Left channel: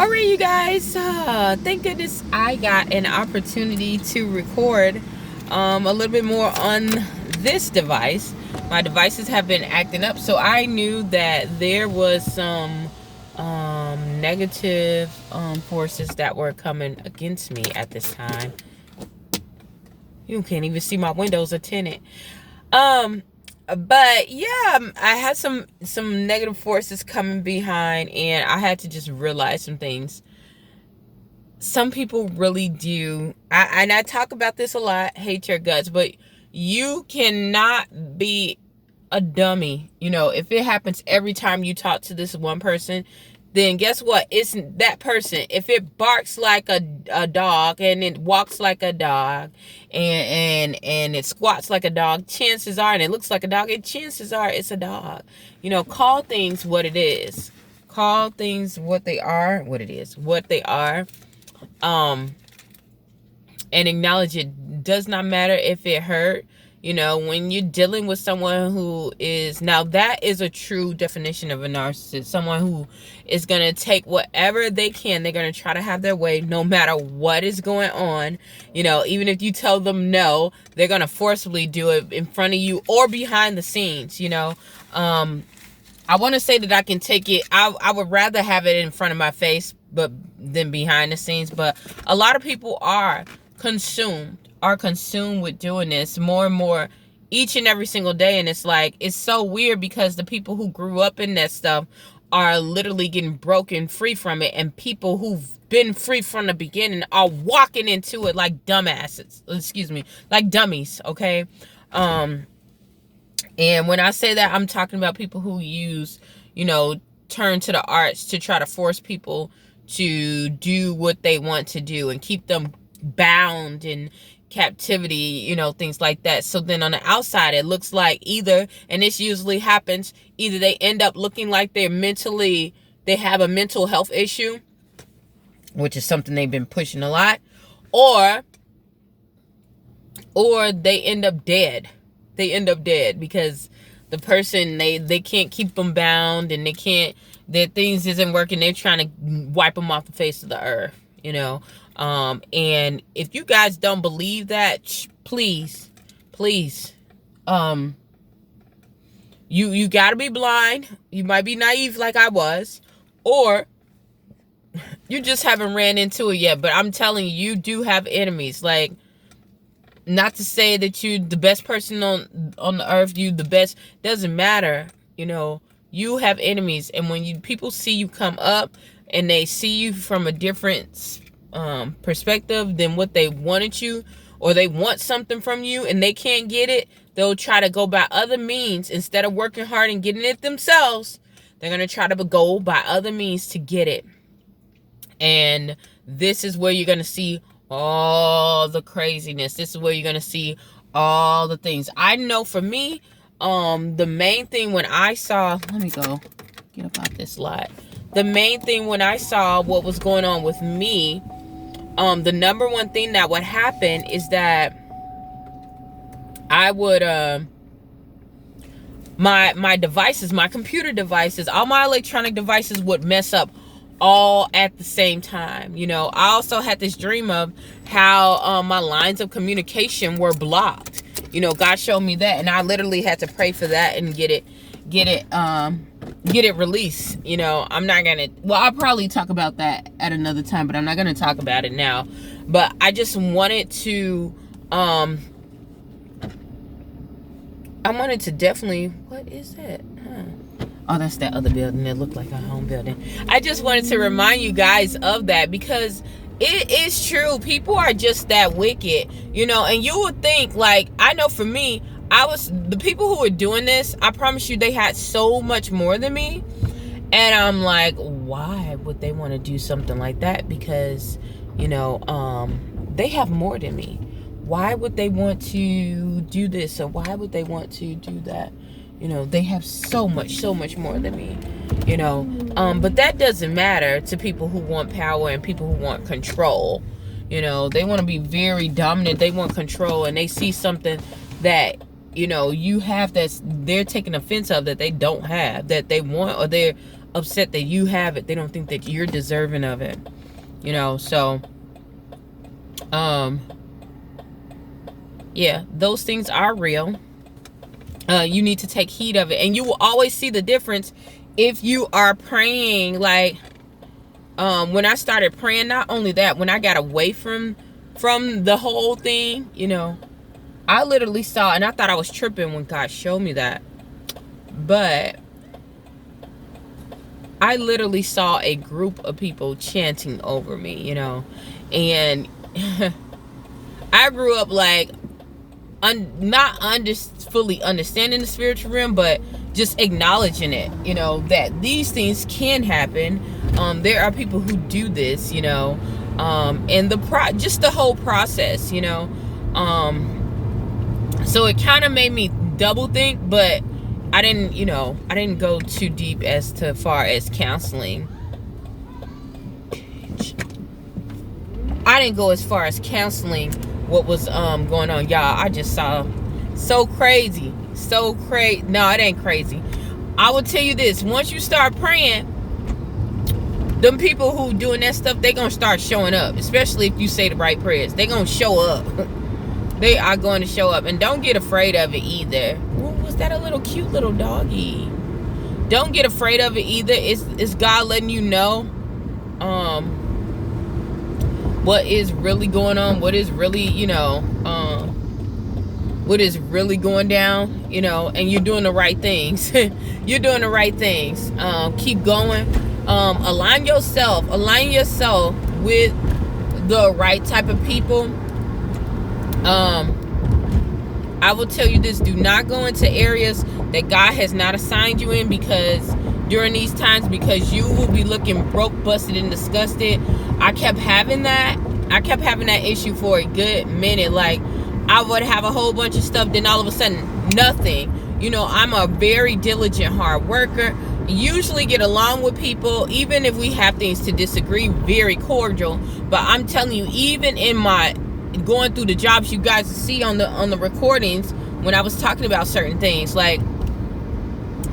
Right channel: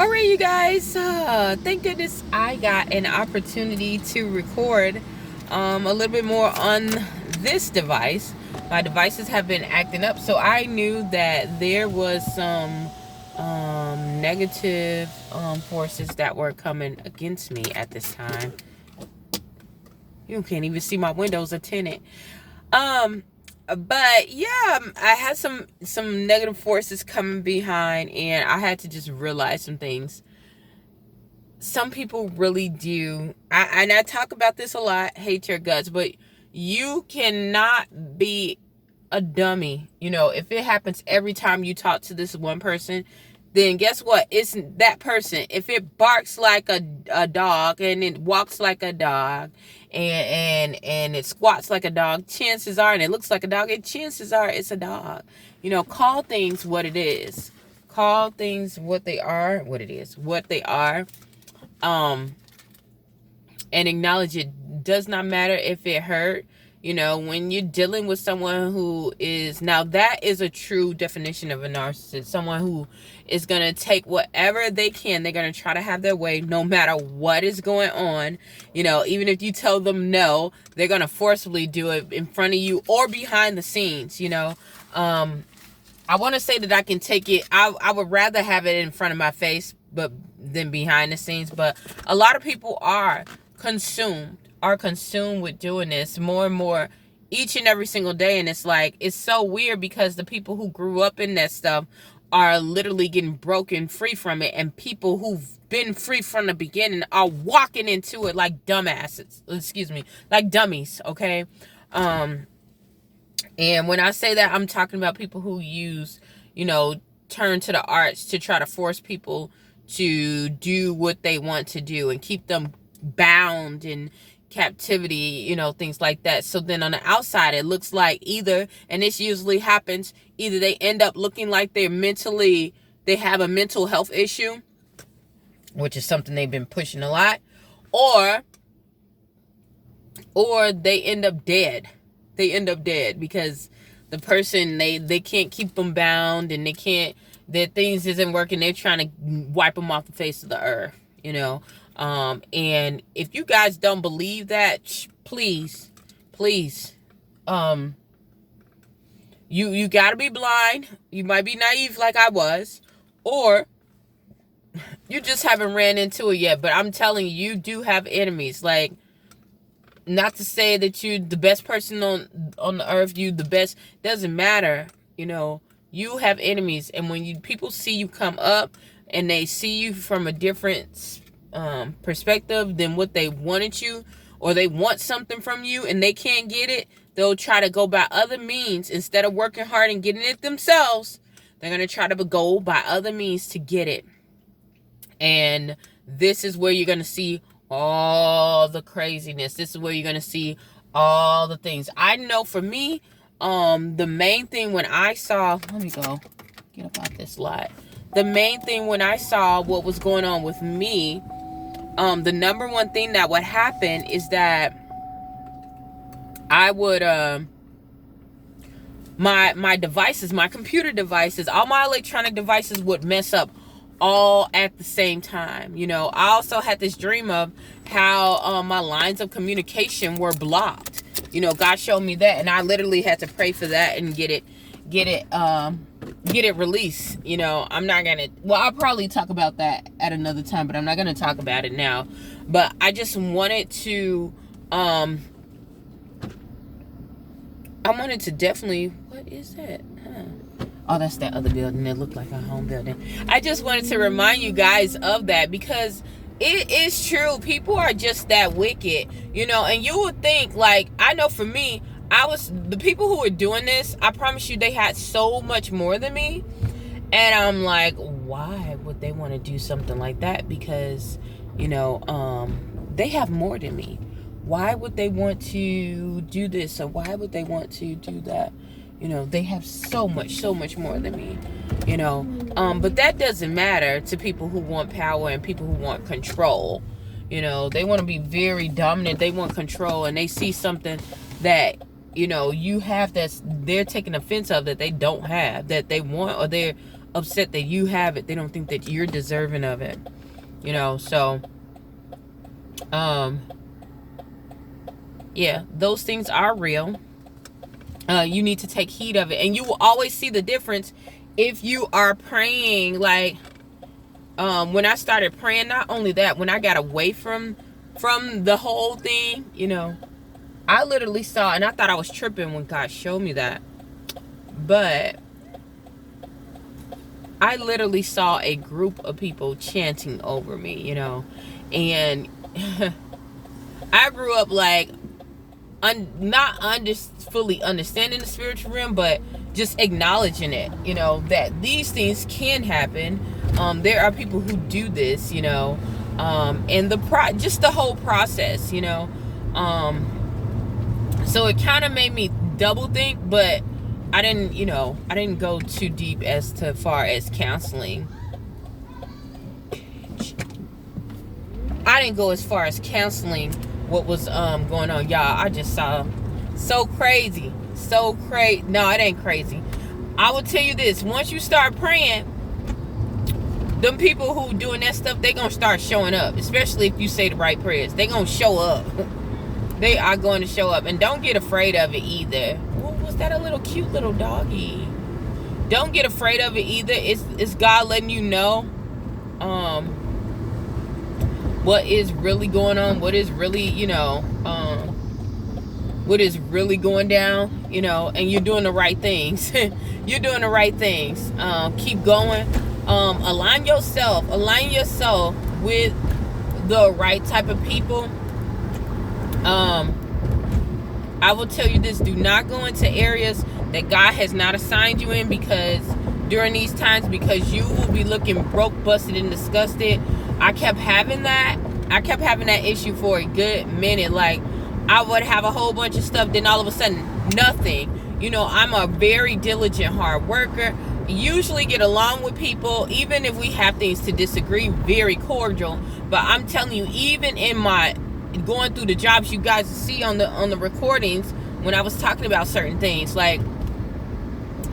All right, you guys. Thank goodness I got an opportunity to record a little bit more on this device. My devices have been acting up, so I knew that there was some negative forces that were coming against me at this time. You can't even see my windows are tinted. Um, but yeah, I had some negative forces coming behind, and I had to just realize some things. Some people really do. And I talk about this a lot, hate your guts, but you cannot be a dummy. If it happens every time you talk to this one person, then guess what? It's that person. If it barks like a dog and it walks like a dog and it squats like a dog, chances are, and it looks like a dog, and chances are it's a dog. Call things what it is. Call things what they are, what it is, what they are. And acknowledge it. Does not matter if it hurt. When you're dealing with someone who is, now that is a true definition of a narcissist, someone who is going to take whatever they can. They're going to try to have their way no matter what is going on. Even if you tell them no, they're going to forcibly do it in front of you or behind the scenes. I want to say that I can take it. I would rather have it in front of my face than behind the scenes. But a lot of people are consumed with doing this more and more each and every single day. And it's so weird because the people who grew up in that stuff are literally getting broken free from it. And people who've been free from the beginning are walking into it like dumbasses. Like dummies. Okay. And when I say that, I'm talking about people who turn to the arts to try to force people to do what they want to do and keep them bound in captivity, things like that. So then on the outside, it looks like either, and this usually happens, either they end up looking like they have a mental health issue, which is something they've been pushing a lot, or they end up dead. They end up dead because the person, they can't keep them bound, and their things isn't working. They're trying to wipe them off the face of the earth, and if you guys don't believe that, please, you gotta be blind. You might be naive like I was, or you just haven't ran into it yet. But I'm telling you, you do have enemies. Like, not to say that you the best person on the earth, you the best, doesn't matter. You have enemies, and when people see you come up and they see you from a different perspective than what they wanted you, or they want something from you and they can't get it, they'll try to go by other means instead of working hard and getting it themselves. They're going to try to go by other means to get it. And this is where you're going to see all the craziness. This is where you're going to see all the things. I know for me, the main thing when I saw, let me go get up out this lot. The main thing when I saw what was going on with me, the number one thing that would happen is that I would, my devices, my computer devices, all my electronic devices would mess up all at the same time. I also had this dream of how my lines of communication were blocked. God showed me that, and I literally had to pray for that and get it released. I'm not gonna, I'll probably talk about that at another time, but I'm not gonna talk about it now. But I just wanted to definitely, what is that? Oh, that's that other building that looked like a home building. I just wanted to remind you guys of that, because it is true. People are just that wicked, and you would think, like, I know for me, the people who were doing this, I promise you, they had so much more than me. And I'm like, why would they want to do something like that? Because, they have more than me. Why would they want to do this? Or why would they want to do that? They have so much more than me, but that doesn't matter to people who want power and people who want control. They want to be very dominant. They want control, and they see something that, you have they're taking offense of, that they don't have, that they want, or they're upset that you have it. They don't think that you're deserving of it. You know, so yeah, those things are real. You need to take heed of it, and you will always see the difference if you are praying. Like when I started praying, not only that, when I got away from the whole thing, you know, I literally saw, and I thought I was tripping when God showed me that, but I literally saw a group of people chanting over me, you know, and I grew up like not fully understanding the spiritual realm, but just acknowledging it, you know, that these things can happen. There are people who do this, you know, and just the whole process, you know. So it kind of made me double think, but I didn't go too deep as far as counseling. I didn't go as far as counseling what was going on, y'all. I just saw so crazy. No, it ain't crazy. I will tell you this: once you start praying, them people who doing that stuff, they gonna start showing up. Especially if you say the right prayers, they gonna show up. They are going to show up, and don't get afraid of it either. Ooh, was that a little cute little doggy? Don't get afraid of it either. It's God letting you know what is really going on, what is really, you know, what is really going down, you know, and you're doing the right things. You're doing the right things. Keep going. Align yourself with the right type of people. I will tell you this: do not go into areas that God has not assigned you in, because during these times, because you will be looking broke, busted, and disgusted. I kept having that issue for a good minute. Like, I would have a whole bunch of stuff, then all of a sudden nothing. You know, I'm a very diligent, hard worker, usually get along with people, even if we have things to disagree, very cordial. But I'm telling you, even in my going through the jobs, you guys see on the recordings when I was talking about certain things, like,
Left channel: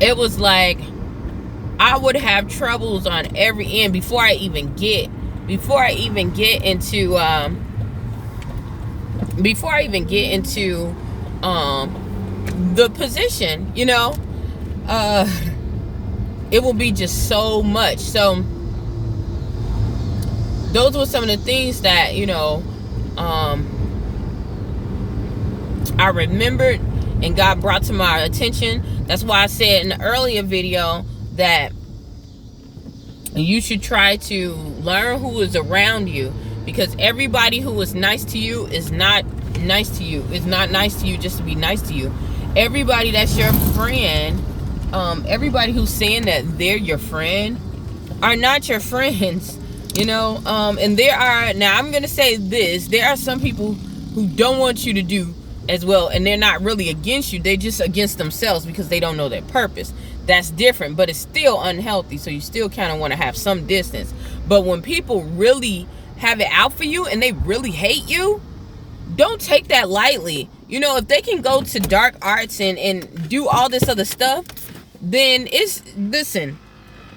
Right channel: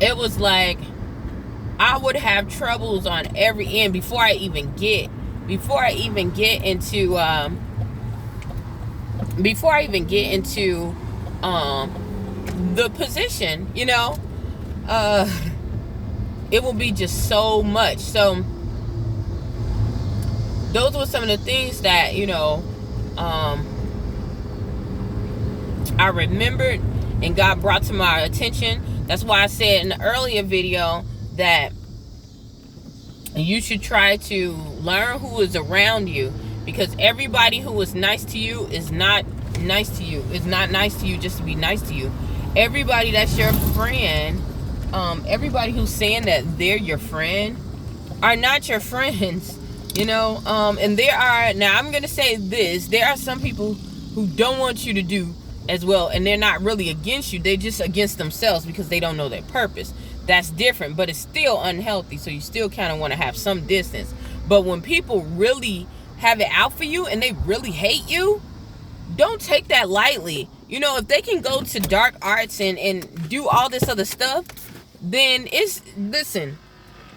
it was like I would have troubles on every end before I even get into the position, you know. It will be just so much. So those were some of the things that, you know, I remembered and God brought to my attention. That's why I said in the earlier video that you should try to learn who is around you, because everybody who is nice to you is not nice to you. It's not nice to you just to be nice to you. Everybody that's your friend, everybody who's saying that they're your friend are not your friends, you know. And now I'm gonna say this: there are some people who don't want you to do as well, and they're not really against you, they're just against themselves because they don't know their purpose. That's different, but it's still unhealthy, so you still kind of want to have some distance. But when people really have it out for you and they really hate you, don't take that lightly. You know, if they can go to dark arts and do all this other stuff, then listen,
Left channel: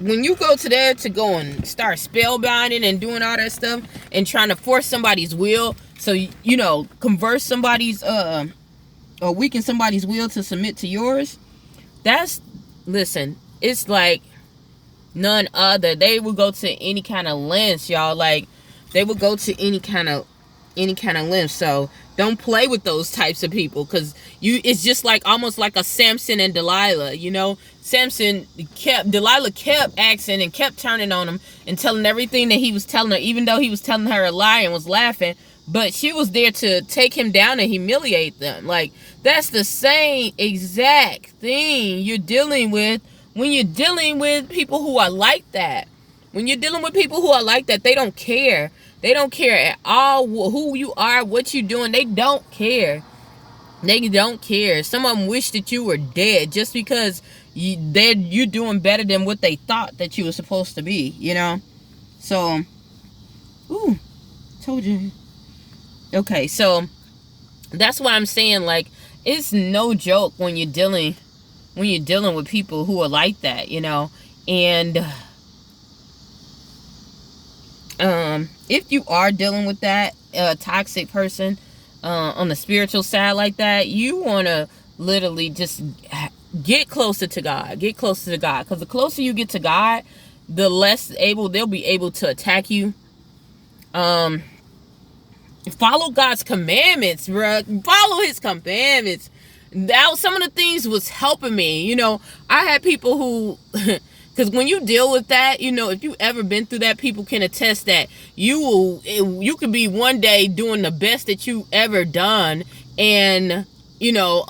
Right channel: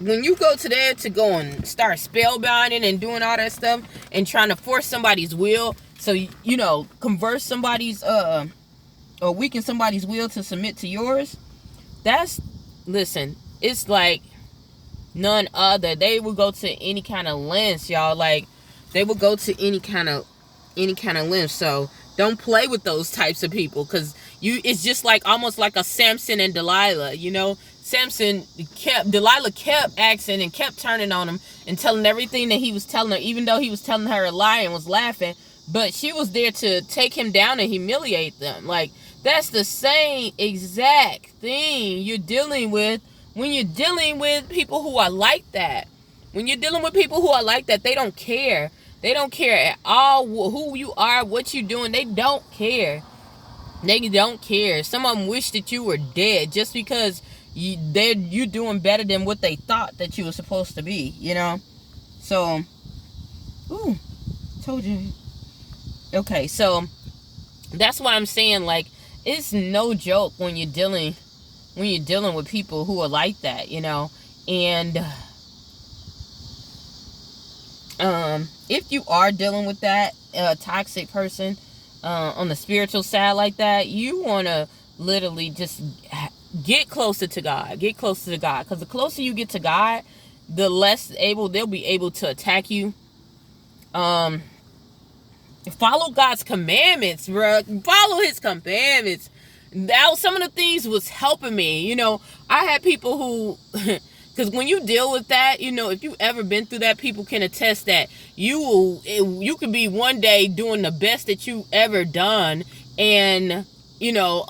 when you go to there to go and start spellbinding and doing all that stuff and trying to force somebody's will, so, you know, convert somebody's or weaken somebody's will to submit to yours, listen, it's like none other. They will go to any kind of lengths, y'all. Like, they will go to any kind of length. So don't play with those types of people, because it's just like almost like a Samson and Delilah, you know. Delilah kept asking and kept turning on him and telling everything that he was telling her, even though he was telling her a lie and was laughing. But she was there to take him down and humiliate them. Like, that's the same exact thing you're dealing with when you're dealing with people who are like that. When you're dealing with people who are like that, they don't care. They don't care at all who you are, what you're doing. They don't care. They don't care. Some of them wish that you were dead just because you're doing better than what they thought that you were supposed to be, you know? So, told you. Okay, so that's why I'm saying, like, it's no joke when you're dealing with people who are like that, you know. And if you are dealing with that toxic person on the spiritual side like that, you want to literally just get closer to God. Get closer to God, because the closer you get to God, the less able they'll be able to attack you. Follow God's commandments, bro. Follow his commandments. That some of the things was helping me. You know, I had people who because when you deal with that, you know, if you ever been through that, people can attest that you could be one day doing the best that you ever done, and you know,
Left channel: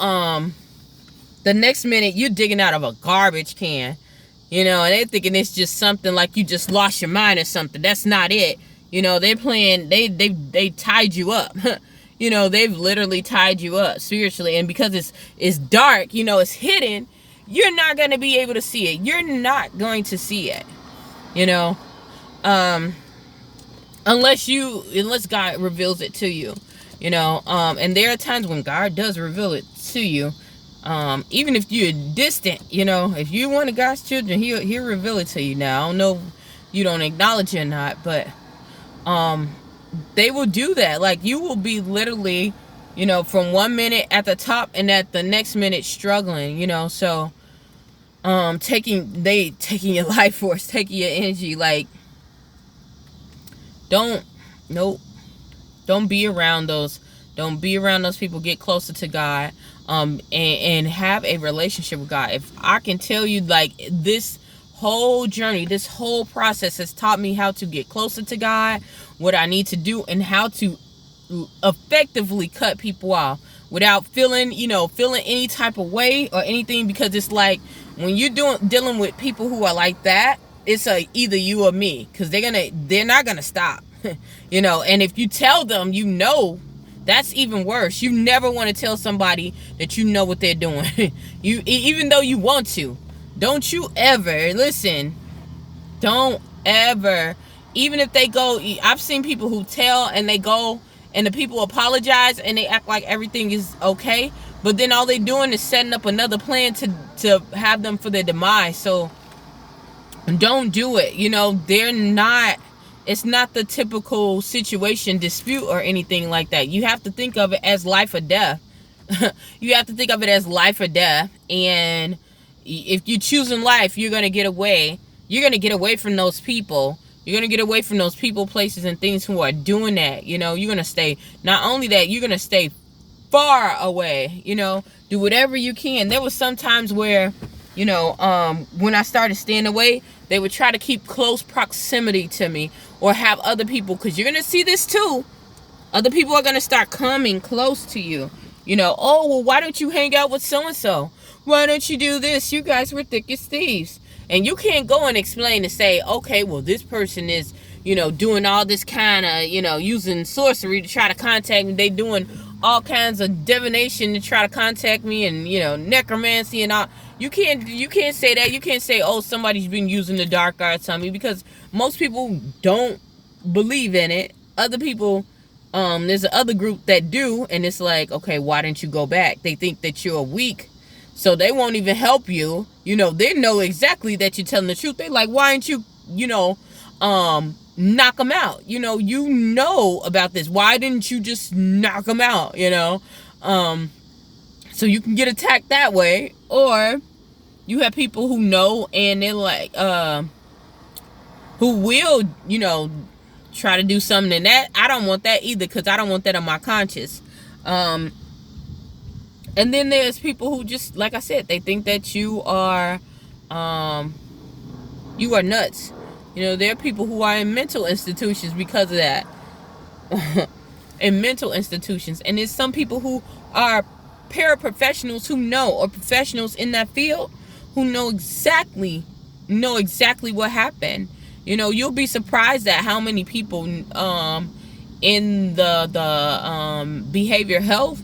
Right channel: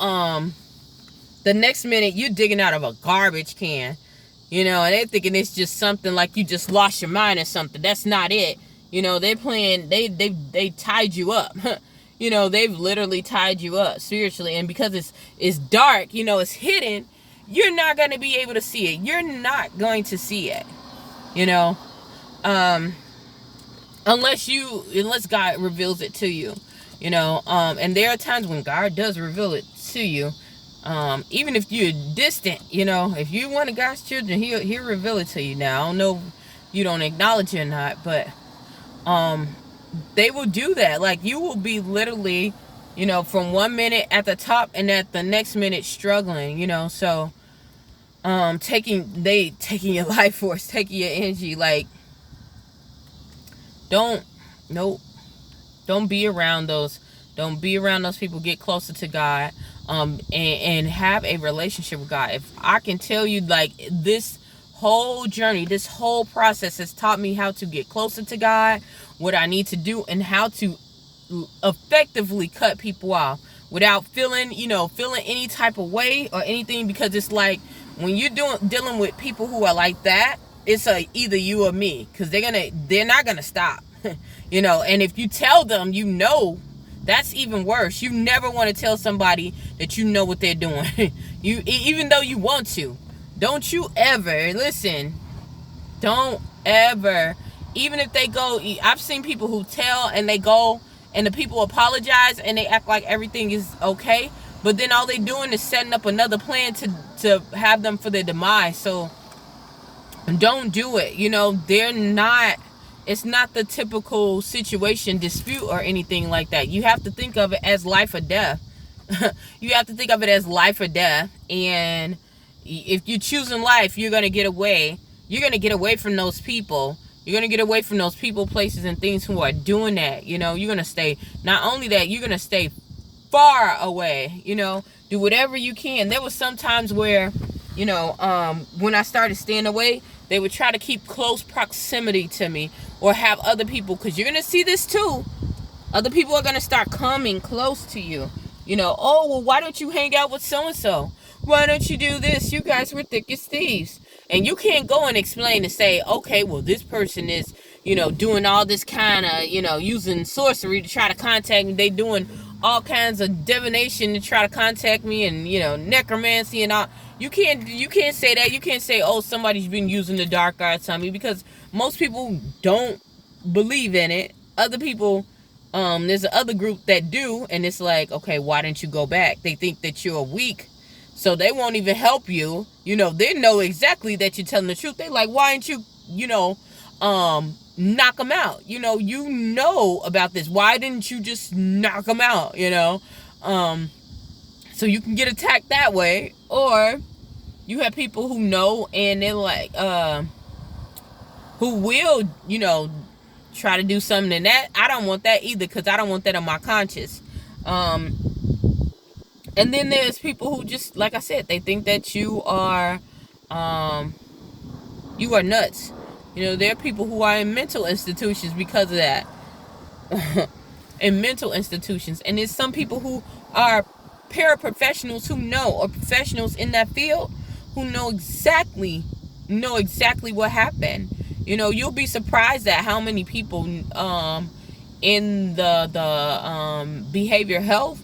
the next minute you're digging out of a garbage can, you know, and they're thinking it's just something like you just lost your mind or something. That's not it. You know, they're playing, they tied you up. You know, they've literally tied you up spiritually. And because it's dark, you know, it's hidden, you're not going to be able to see it. You're not going to see it, you know, unless God reveals it to you, you know, and there are times when God does reveal it to you. Even if you're distant, you know, if you're one of God's children, he'll reveal it to you. Now, I don't know if you don't acknowledge it or not, but they will do that. Like, you will be literally, you know, from 1 minute at the top and at the next minute struggling, you know. So taking your life force, taking your energy. Like, don't be around those people. Get closer to God, and have a relationship with God. If I can tell you, like, this whole journey, this whole process has taught me how to get closer to God, what I need to do, and how to effectively cut people off without feeling any type of way or anything. Because it's like, when you're dealing with people who are like that, it's either you or me, because they're not gonna stop. You know, and if you tell them, you know, that's even worse. You never want to tell somebody that you know what they're doing. Even though you want to. Don't you ever, listen, don't ever, even if they go, I've seen people who tell and they go and the people apologize and they act like everything is okay, but then all they doing is setting up another plan to have them for their demise. So don't do it. You know, it's not the typical situation, dispute, or anything like that. You have to think of it as life or death. You have to think of it as life or death. And if you're choosing life, you're going to get away. You're going to get away from those people. You're going to get away from those people, places, and things who are doing that. You know, you're going to stay. Not only that, you're going to stay far away. You know, do whatever you can. There was some times where, you know, when I started staying away, they would try to keep close proximity to me, or have other people, because you're going to see this too. Other people are going to start coming close to you. You know, oh, well, why don't you hang out with so-and-so? Why don't you do this? You guys were thick as thieves. And you can't go and explain and say, okay, well, this person is, you know, doing all this kind of, you know, using sorcery to try to contact me. They doing all kinds of divination to try to contact me, and, you know, necromancy and all. You can't say that. You can't say, oh, somebody's been using the dark arts on me, because most people don't believe in it. Other people, there's another group that do, and it's like, okay, why didn't you go back? They think that you're weak, so they won't even help you. You know, they know exactly that you're telling the truth. They like, why didn't you, you know, knock them out? You know about this. Why didn't you just knock them out? You know, so you can get attacked that way. Or you have people who know, and they're like, who will, you know, try to do something. And that, I don't want that either, because I don't want that on my conscience. And then there's people who just, like I said, they think that you are nuts. You know, there are people who are in mental institutions because of that. In mental institutions. And there's some people who are paraprofessionals who know, or professionals in that field, who know exactly what happened. You know, you'll be surprised at how many people in the behavior health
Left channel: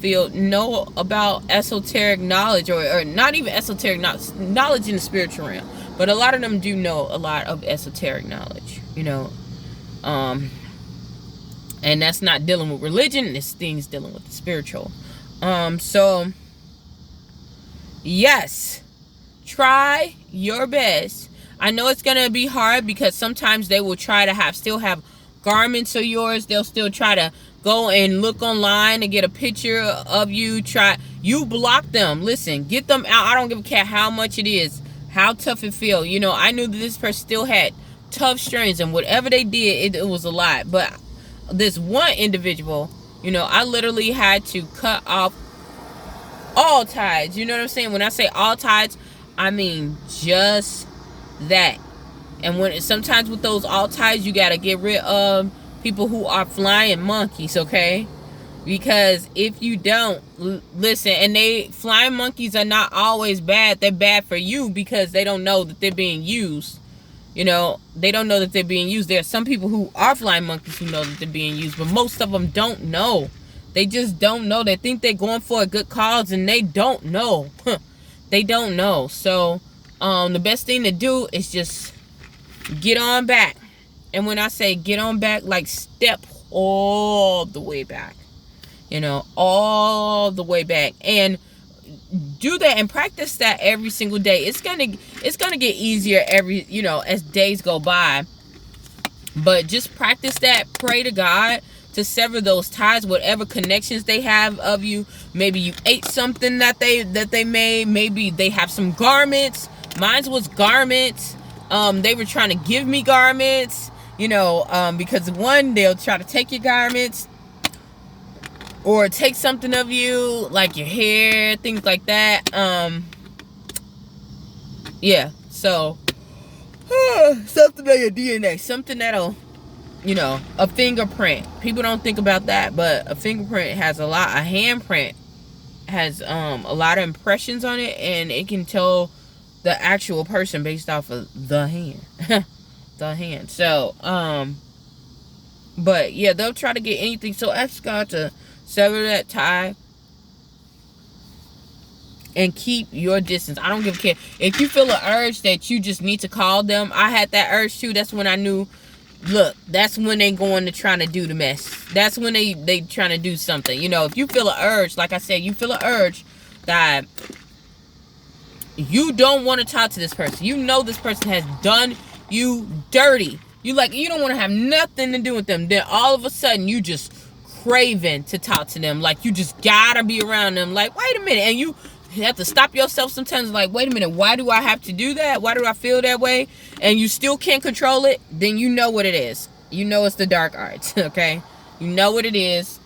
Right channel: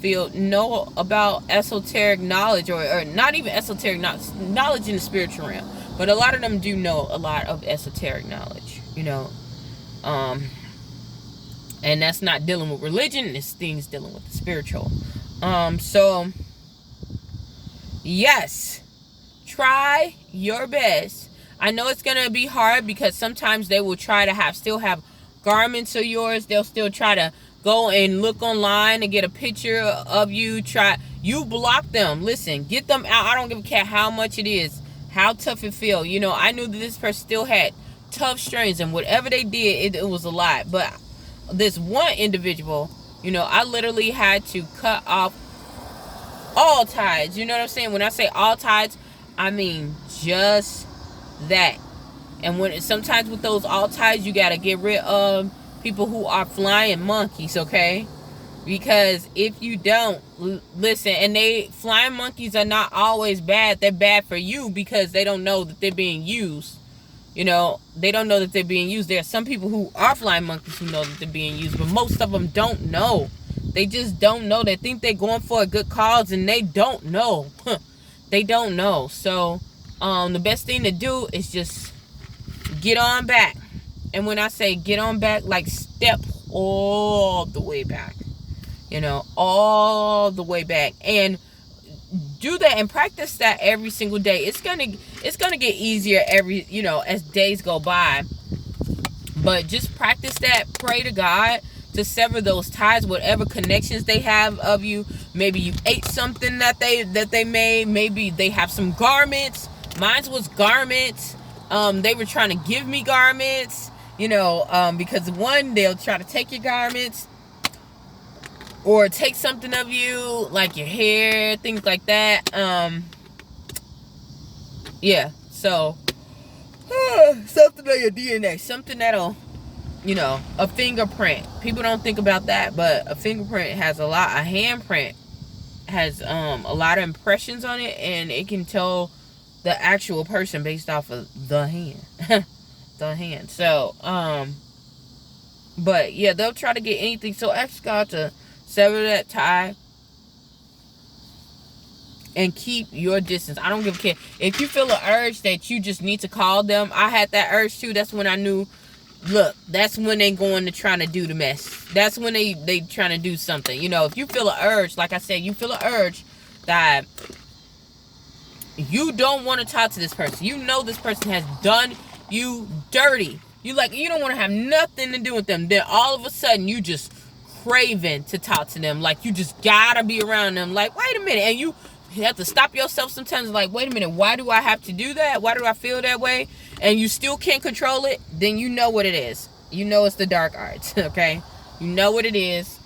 field know about esoteric knowledge, or not even esoteric knowledge in the spiritual realm, but a lot of them do know a lot of esoteric knowledge, you know, and that's not dealing with religion. It's things dealing with the spiritual. So yes, try your best. I know it's going to be hard because sometimes they will try to still have garments of yours. They'll still try to go and look online and get a picture of you. You block them. Listen, get them out. I don't give a cat how much it is, how tough it feel. You know, I knew that this person still had tough strains, and whatever they did, it was a lot. But this one individual, you know, I literally had to cut off all ties. You know what I'm saying? When I say all ties, I mean just that. And sometimes with those all ties, you got to get rid of people who are flying monkeys, okay? Because if you don't listen, and flying monkeys are not always bad. They're bad for you because they don't know that they're being used. You know, they don't know that they're being used. There are some people who are flying monkeys who know that they're being used, but most of them don't know. They just don't know. They think they're going for a good cause, and they don't know. They don't know. So the best thing to do is just get on back. And when I say get on back, like step all the way back. You know, all the way back. And do that and practice that every single day. It's gonna get easier as days go by. But just practice that. Pray to God to sever those ties, whatever connections they have of you. Maybe you ate something that they made. Maybe they have some garments. Mine was garments. They were trying to give me garments, because one, they'll try to take your garments or take something of you, like your hair, things like that. Yeah, so something on your DNA, something that'll, a fingerprint. People don't think about that, but a fingerprint has a handprint has a lot of impressions on it, and it can tell the actual person based off of the hand. The hand. So, but yeah, they'll try to get anything. So ask God to sever that tie and keep your distance. I don't give a care. If you feel an urge that you just need to call them, I had that urge too. That's when I knew, look, that's when they going to try to do the mess. That's when they trying to do something. If you feel an urge, like I said, you feel an urge that you don't want to talk to this person. You know this person has done you dirty. You don't want to have nothing to do with them. Then all of a sudden you just craving to talk to them. Like you just gotta be around them. Like, wait a minute. And you have to stop yourself sometimes. Like, wait a minute. Why do I have to do that? Why do I feel that way? And you still can't control it. Then you know what it is. You know it's the dark arts. Okay. You know what it is.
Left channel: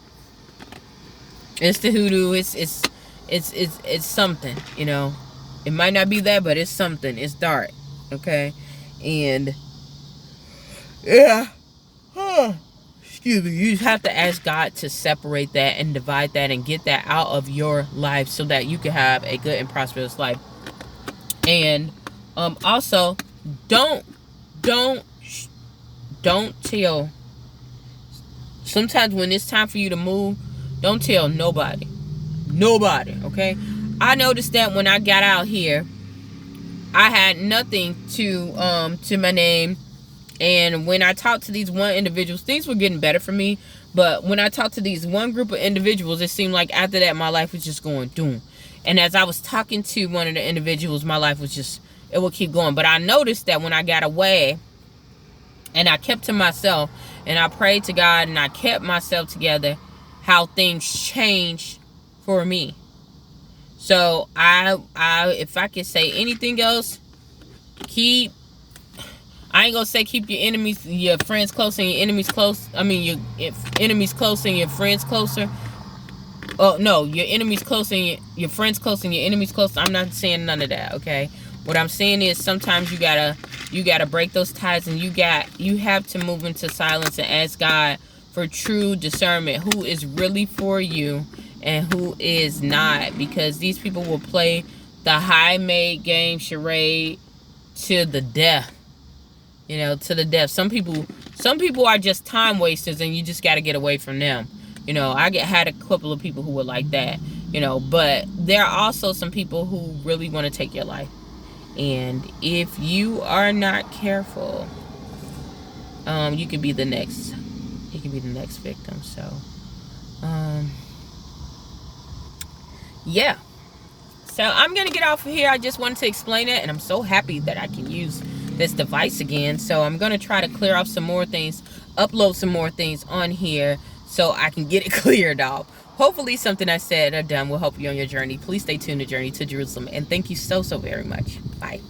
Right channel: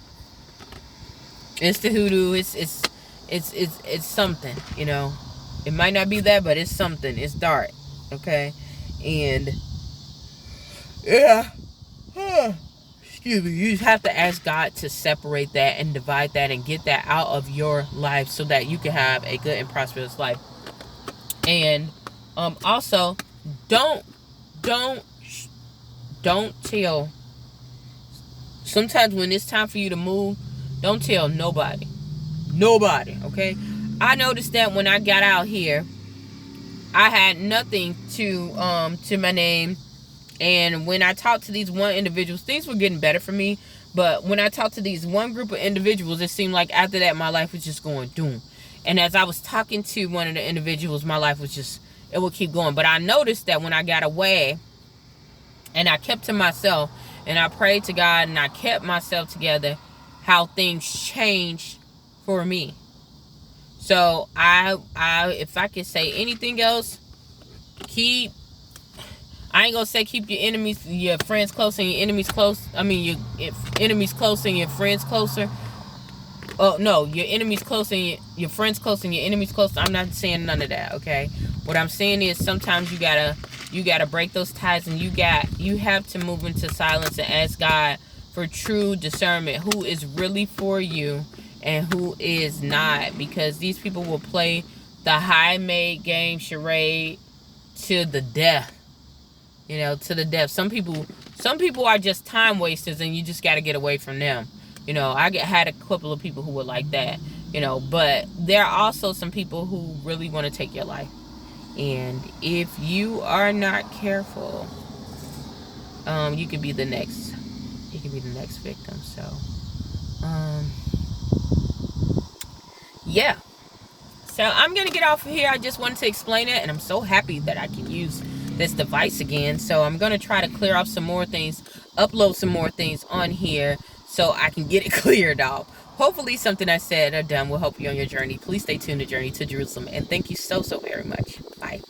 It's the hoodoo. It's something. It might not be that, but it's something. It's dark. Okay. And yeah. Excuse me. You have to ask God to separate that and divide that and get that out of your life so that you can have a good and prosperous life. And also don't tell. Sometimes when it's time for you to move, don't tell nobody. Nobody, okay? I noticed that when I got out here, I had nothing to my name. And when I talked to these one individuals, things were getting better for me. But when I talked to these one group of individuals, it seemed like after that, my life was just going doom. And as I was talking to one of the individuals, my life was just, it would keep going. But I noticed that when I got away and I kept to myself and I prayed to God and I kept myself together, how things changed for me. So I if I could say anything else, I ain't gonna say keep your friends close and your enemies close. I mean, your enemies close and your friends closer. Oh no, your enemies close and your friends close and your enemies close. I'm not saying none of that. Okay, what I'm saying is sometimes you gotta break those ties, and you have to move into silence and ask God for true discernment, who is really for you and who is not, because these people will play the high-made game charade to the death. To the death. Some people are just time wasters, and you just got to get away from them. I had a couple of people who were like that. But there are also some people who really want to take your life, and if you are not careful, you could be the next. You could be the next victim. So, yeah. So I'm going to get off of here. I just wanted to explain it, and I'm so happy that I can use this device again. So I'm going to try to clear off some more things, upload some more things on here so I can get it cleared off. Hopefully something I said or done will help you on your journey. Please stay tuned to Journey to Jerusalem. And thank you so, so very much. Bye.